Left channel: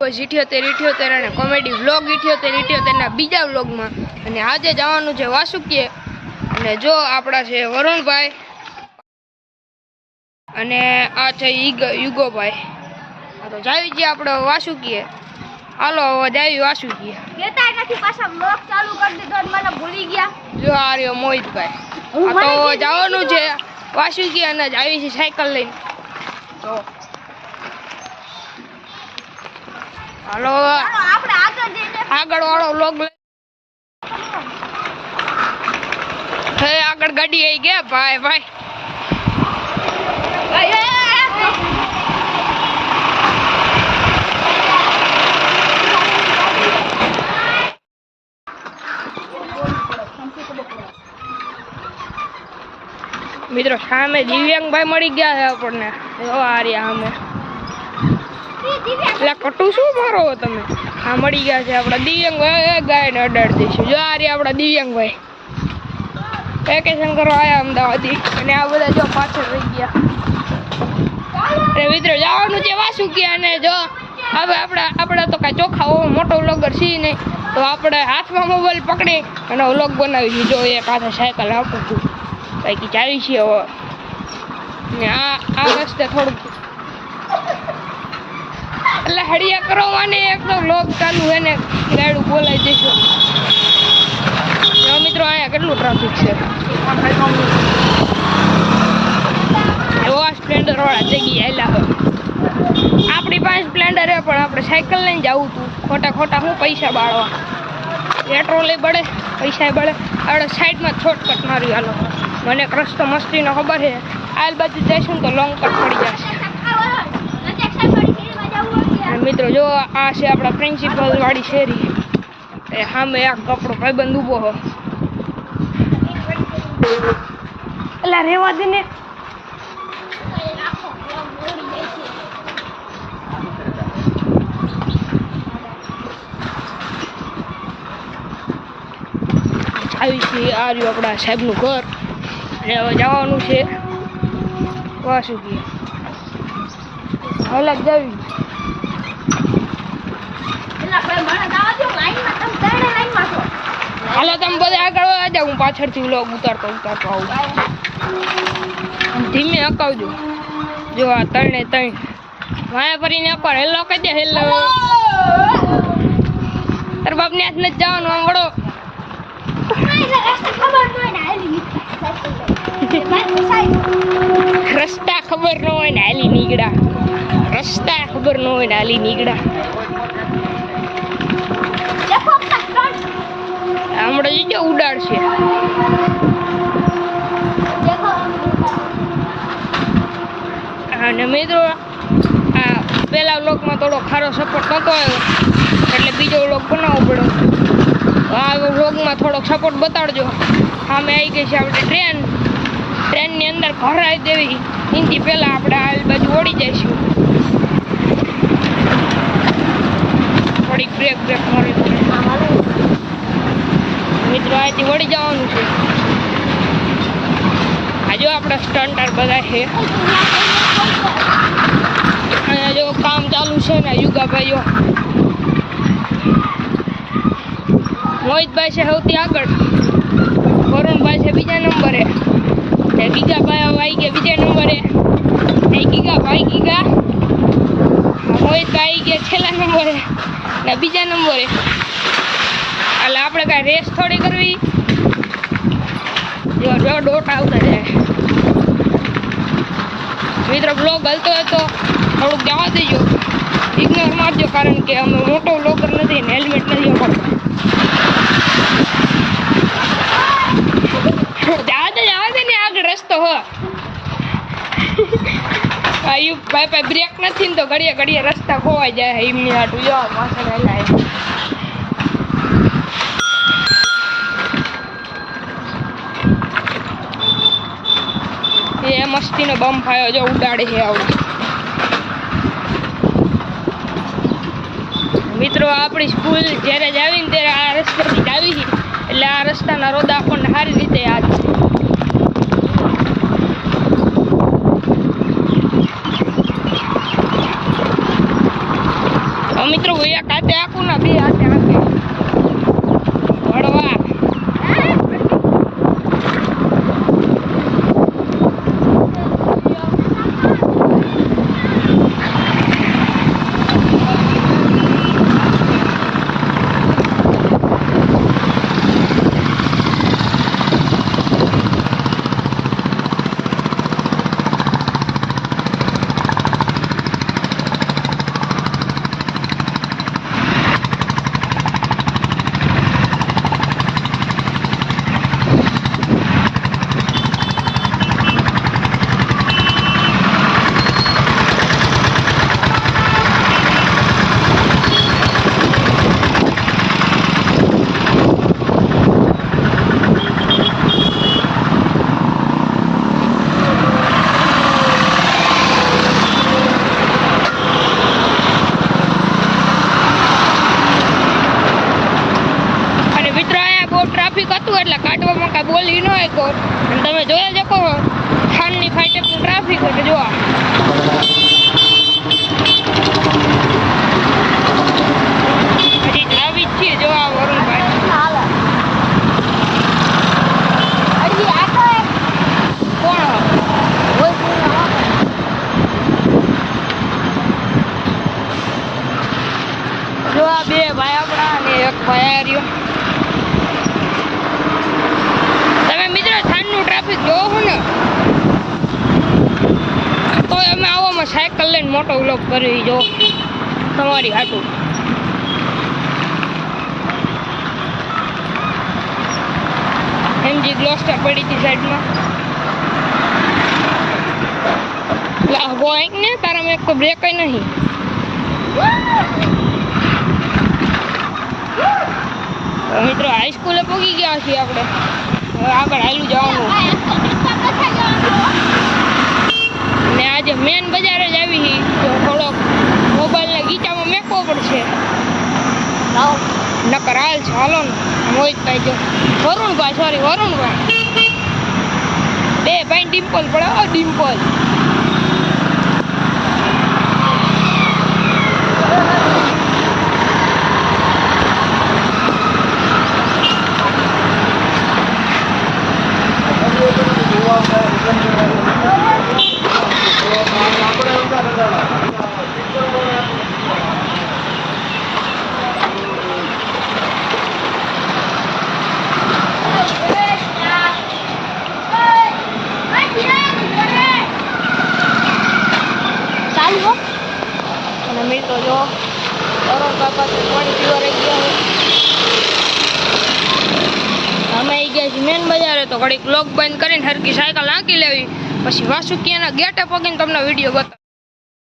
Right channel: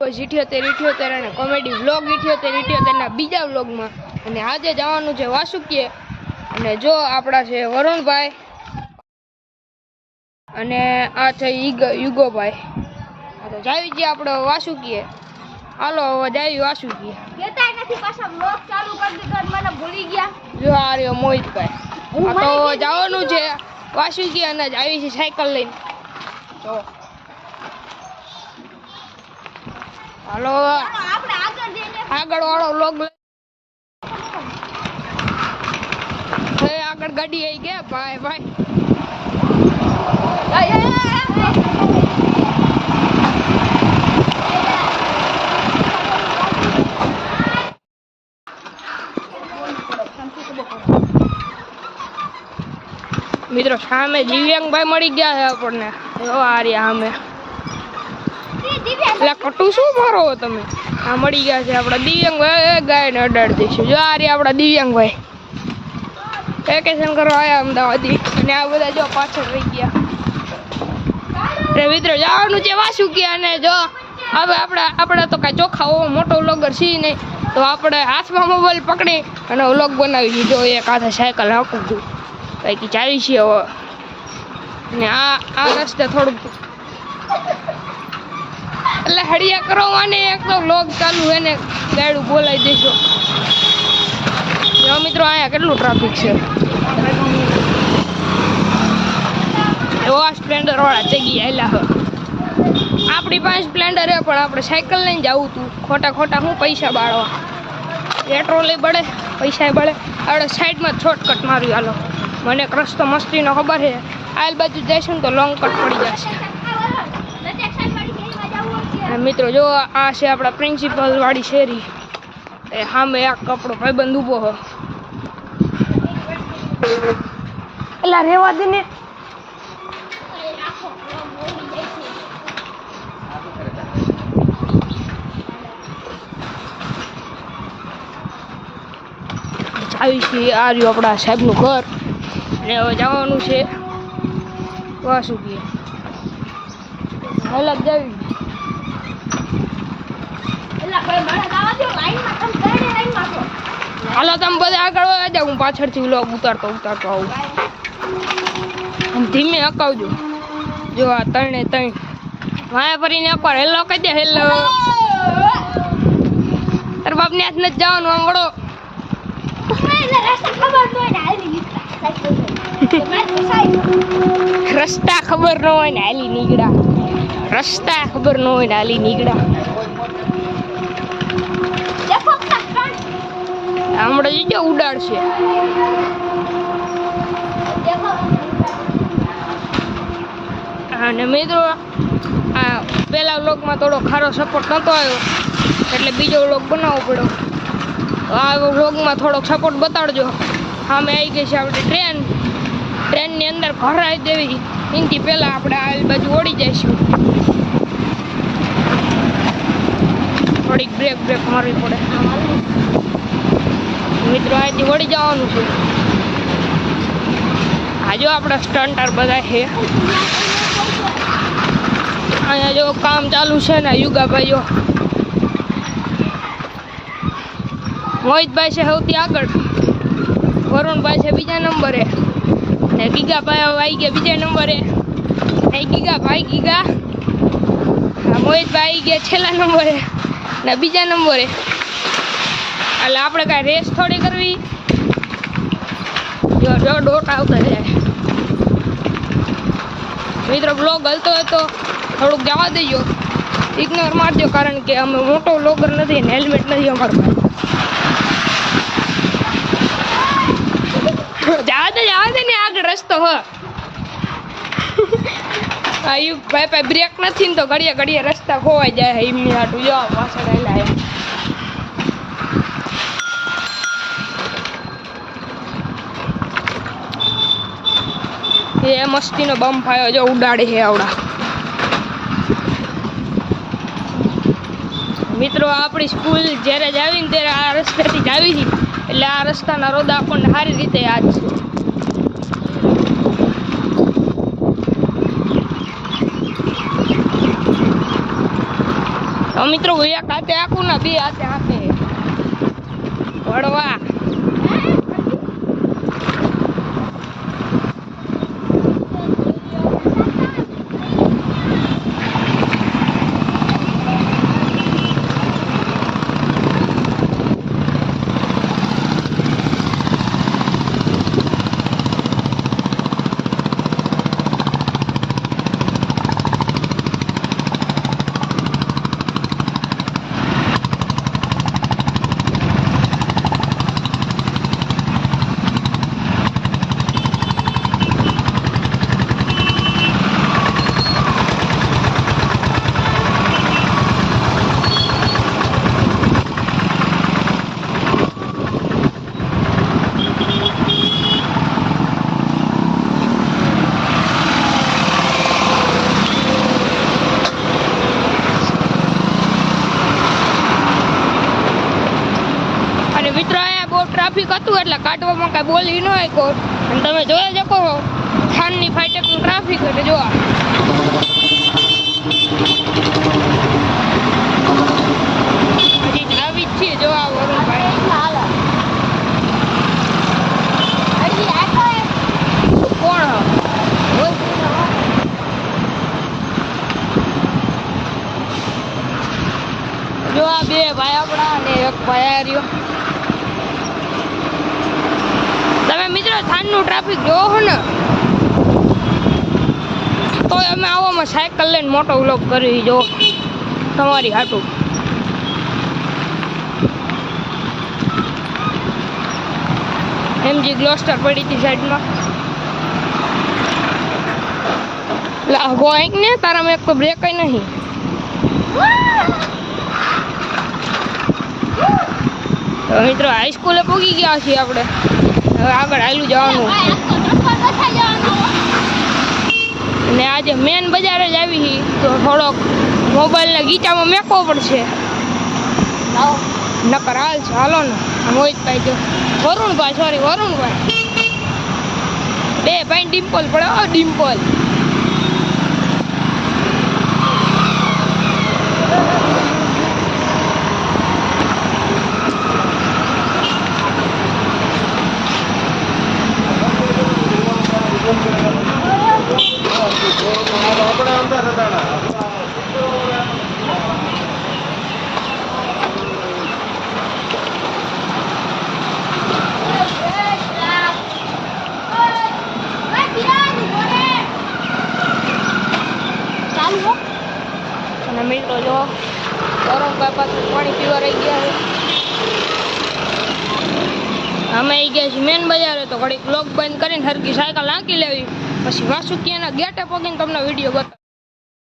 78 અને comedy vlog 78 બીજા વ્લોગમાં અને આજે જવાનું છે વાસુકીએ અને જો આપણા છે વરુણભાઈ અને આ છે યુગોભાઈ. આ તો જાવી છીએ આપણે વાસુકીએ. હાલો હવે જાવી વાસુકીએ. લેતા નથી પાછા વ્લોગ ચાલુ કરી દીધો અને મને ભૂલી ગયા. જો આ રહ્યો મોહિતભાઈ. આ તો જવાનું છે વાસુકીએ અને જાવી છે સાયકલ લઈને. તો હાલો આગળ વાળો વ્લોગ આગળ ગાડી આવી ગયા ભાઈ ભાઈ. મિત્રો સામે દિવ્યાંગભાઈ મળી ગયા છે આપણને. આ રહ્યા સામે. એટલે કટું શું મારો તમે? આ મળી ગયા છે આપણા દિવ્યાંગભાઈ. ગાય ને અડાડી દઈશું. જો આ રહ્યા આપણા દિવ્યાંગભાઈ વેકેશન કરવા આવ્યા અમદાવાદથી અને આ બધા જો પાછળ રહી ગયા. મિત્રો જવાનું છે વાસુકીએ અને જો હવે આપણે તો કાંઈ ચોખ્ખા મોટો વ્લોગર છીએ નહીં તો આપણે હાથમાં મોબાઈલ પકડી અને વ્લોગ બનાવીશું. જો એક હાથે સાયકલ હાંકું છું કંઈક ચાલી છીએ હવે. ને આ રસ્તે થોડુંક એટલે હળિયા કરવાની એક તો વ્લોગ ચાલુ છે ને ગાડું બોલાવી દઈશું. મિત્રો અહીંયા કેટલું ટ્રાફિક છે. એવા સ્પ્લેન્ડર વાળા થઈ ગયા એલા હવે. આપણી પાસે સ્પ્લેન્ડર છે પણ આપણે સાયકલ લઈને જવું હતું. ખોટા હું પૈસા બાળવા. પેટ્રોલ બળે પૈસા બળે. આપણે સાઈડમાં શોર્ટકટ મારી હાલો. મને એક રસ્તો મસ્તીનો ખબર છે. આલ બાજુ જઈશું તો લોંગ કટ પડી જશે. મિત્રો જો આ છે આપણા પ્રિન્સિપલ વાળી શેરી. એ સામે આ કપડો ભાઈબંધ ઊભો હો. એટલે રેવા દે ને. આવી છે આ રહ્યું આપણા સાહેબનું ઘર અને હવે જવાનું છે વાસુકીએ. હાલત જાવી. હાલો તમે બધા આગળ આ જાવ. હું પાછળથી વ્લોગ ઉતારતો આવું. ધીમે હકાવજો. જો આ ત્રણે માયા ફરીને અપાર હેલો કહી દે. હેલો તાર બાપને હાથ નથી જવાનું. આમ વળો. રસ્તા ખબર ન હોય ને હાલી નીકળ્યા. રસ્તા ખબર ન હોય ને હાલી નીકળ્યા. હમણાં જો ઉડાડશે. અને મિત્રો આ પેલા વ્લોગમાં થોડો ખારો સપોર્ટ નતો આવ્યો એટલે બીજો વ્લોગ બનાવવો પડ્યો. આ વ્લોગમાં થોડોક સપોર્ટ બતાડજો. સામે આવી ગઈ છે આપણી ટ્રેનની અંદર ભરાઈ દેવી. એનાથી પહેલાં આપણે આ બાજુ ઓડી જઈશું. થોડીક બ્રેક મારવી પડે. મિત્ર અહીંથી વળી જવાનું છે. આજો આપણા સ્ટન્ટર બધા છે. અહીંયા જો કામ ચાલુ છે ને યુગાભાઈઓ. મોહિતભાઈ છે સૌથી આગળ. વરુણભાઈ છે બીજા નંબરે. ગીગાભાઈ આવી ગયા બીજા નંબરે. ગીગાભાઈ મોહિતભાઈ આવી ગયા છેલ્લા નંબરે ને બીજા નંબરે. એટલે આપણે કાંઈ રેસ થોડી કરવી. જો ડોટ આવતા જાય. મિત્રો બ્લોગ હલતો હોય તો થોડુંક જવા દેજો. ઇગ્નોર મારજો કારણ કે અમે મોટો વ્લોગર નથી ને હેલ્મેટ નથી અમારા. જવા દે ને આગળ રસ્તો હો. ભાઈ બ્રેક નથી ને તો ઘડીએ રસ્તા ખોવાઈ જાય. એમની હાટું જો પાછળ એલા એ મસ્તીનો બમ ફાયો જો ઉડાડે છે આવડા. મિત્રો આપણી સ્કૂલ જ્યારે જ આવીને ત્યારે આ રસ્તેથી જ આવી એટલે આ રસ્તાના રોદા આપણને સારી રીતે યાદ છે. મિત્રો એક હાથે આખું ના બે હાથે આખે વળવા ટ્રાફિક હતું એટલે કાઢવામાં કાંઈ બોલી ન હોય કોઈ તમે જોઈ શકો થાનની ફાઈટેકનું ટ્રાફિક હોય જો હજી આવી જ છે જો આ વરુણભાઈ કોણ જો આ બે ભાઈ આપણા અને એક ભાઈ આ રહ્યો તમે મિત્રો થાનનું ટ્રાફિક જોવો ને તો અમે આવવામાં સાયકલ લઈને મોટો વ્લોગ કરી જો તમારી હાટું એમજી ગ્લોસ્ટર પડી હતી સાઈડમાં લાગો એક ને તારામાં એક તો બ્રેક નહીં મિત્રો હાઈસ્કૂલે પહોંચી ગયા છીએ આપણે આગળ હાલું જવાનું ને આજે મેન બજારે જ આવી તો થોડોક મોબાઈલને ગીચામાં મેકવો પડશે નકર હાલ છે હાલો ને મોહિતભાઈ જો વરુણભાઈ બે ભાઈ ડિમ્પલ પડે ડિમ્પલ મિત્રો જો વરુણભાઈ પાસે પાણી પીવા રહી ગયા છે અમે આવી ગયા છીએ મેન બજારે તો ઘડીક લોક બંધ કરીને હરકી સાયકલ હાંકી લેવી પછી વાસુકીયાના ગેટે પગીને તમને વિડીયો બતાવ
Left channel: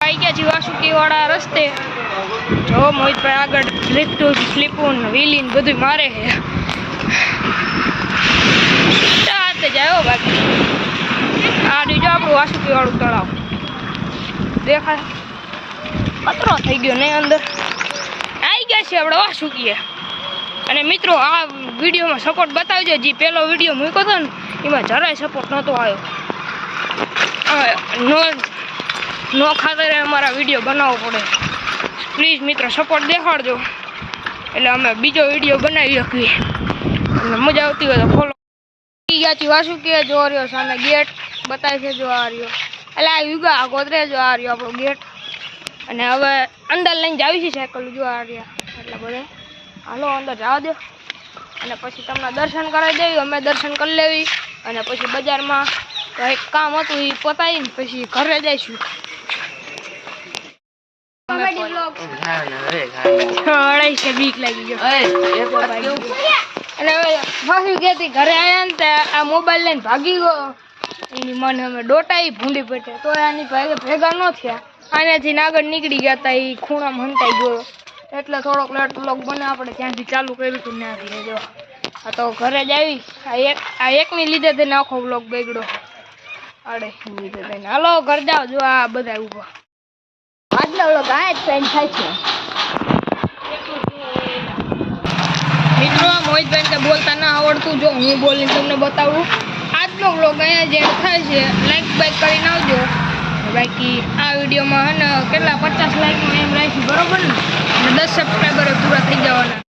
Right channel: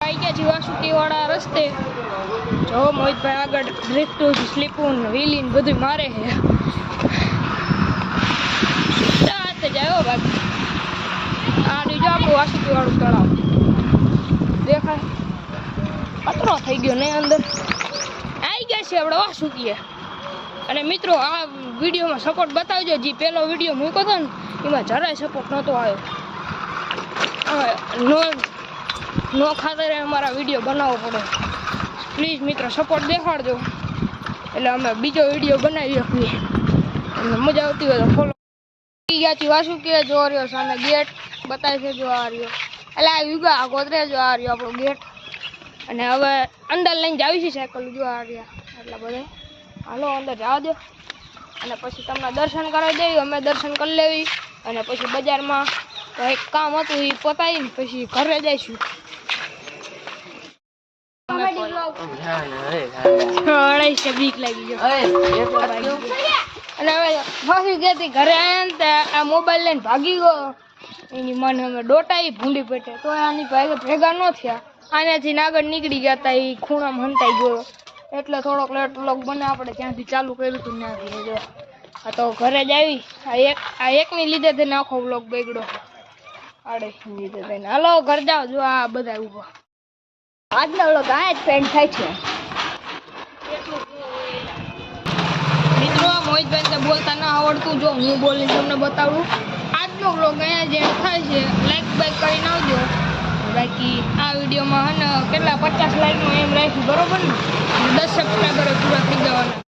આવી ગયા છીએ વાસુકીવાળા રસ્તે જો મોહિતભાઈ આગળ ડ્રિફ્ટું સ્લીપું વ્હીલીન બધું મારે છે ચાતે જાય બાકી આ રીજો આપણું વાસુકીવાળું તળાવ દેખાય કચરો થઈ ગયો નહીં અંદર આવી ગયા છે આપણે વાસુકીએ અને મિત્રો આ વિડીયોમાં સપોર્ટ બતાવજો જે પહેલો વિડીયો મૂક્યો હતો ને એમાં જરાય સપોર્ટ નહોતો આવ્યો નો ખાતરે અમારા વિડીયો બનાવવો પડે પ્લીઝ મિત્રો સપોર્ટ દેખાડજો એટલે અમે બીજો વિડીયો બનાવી શકીએ તમને મજા આવતી હોય તો ફોલો થઈ ગયા છે વાસુકીએ જો રહ્યો સામે ગેટ બતાવે છે જો આ રહ્યો એટલે આ યુગા ગોદરે જો આ રહ્યો આપણો ગેટ અને હવે અંદર લઈને જાવી છે સાયકલ જો આ રહ્યા એટલે બધે હાલો અંદર જવા દો અને પછી તમને દર્શન કરાવી દેવી અમે દર્શન કરી લેવી અને પછી બજારમાં કંઈક કામ હતું એ પતાવીને પછી ઘરે જઈશું બીક લાગી ગયો અને હવે પાછું કહેતી ઘરે આવ્યા ને આ મોબાઈલ લઈને ભાગી ગયો એની મને અમે ડોટાઈ ભૂંડી પેટે તો આની ભેગા ન થયા આનાથી આગળ નીકળી ગયા હતા એ ખૂણામાં હંતાઈ ગયો એટલે થોડોક લેટ વ્લોગ બને આપણે ત્યાંથી ચાલુ કર્યું હતું ત્યાંથી જો આ તો ઘરે જ આવી આ એકની લીધે થઈને આખો વ્લોગ બગડ્યો આડે લીધે થઈને હાલો ઘર જાઓ જો આ બધા ઉભા આજનો વ્લોગ આ જ પેન્ટ થાય છે મિત્રો મોહિતભાઈ ને બોલતા ના આવડતું જો હું બોલીને તમને બતાવું આજનો વ્લોગ અહીંયા જ એન્ડ થાય છે લાઈક બાઈક કરીને આવજો બાકી આ વિડીયોમાં હે ને કેટલા 50 લાઈકનો એમ રાખી બરોબર ને અને 10 સબસ્ક્રાઈબર પૂરા થઈ જવાના.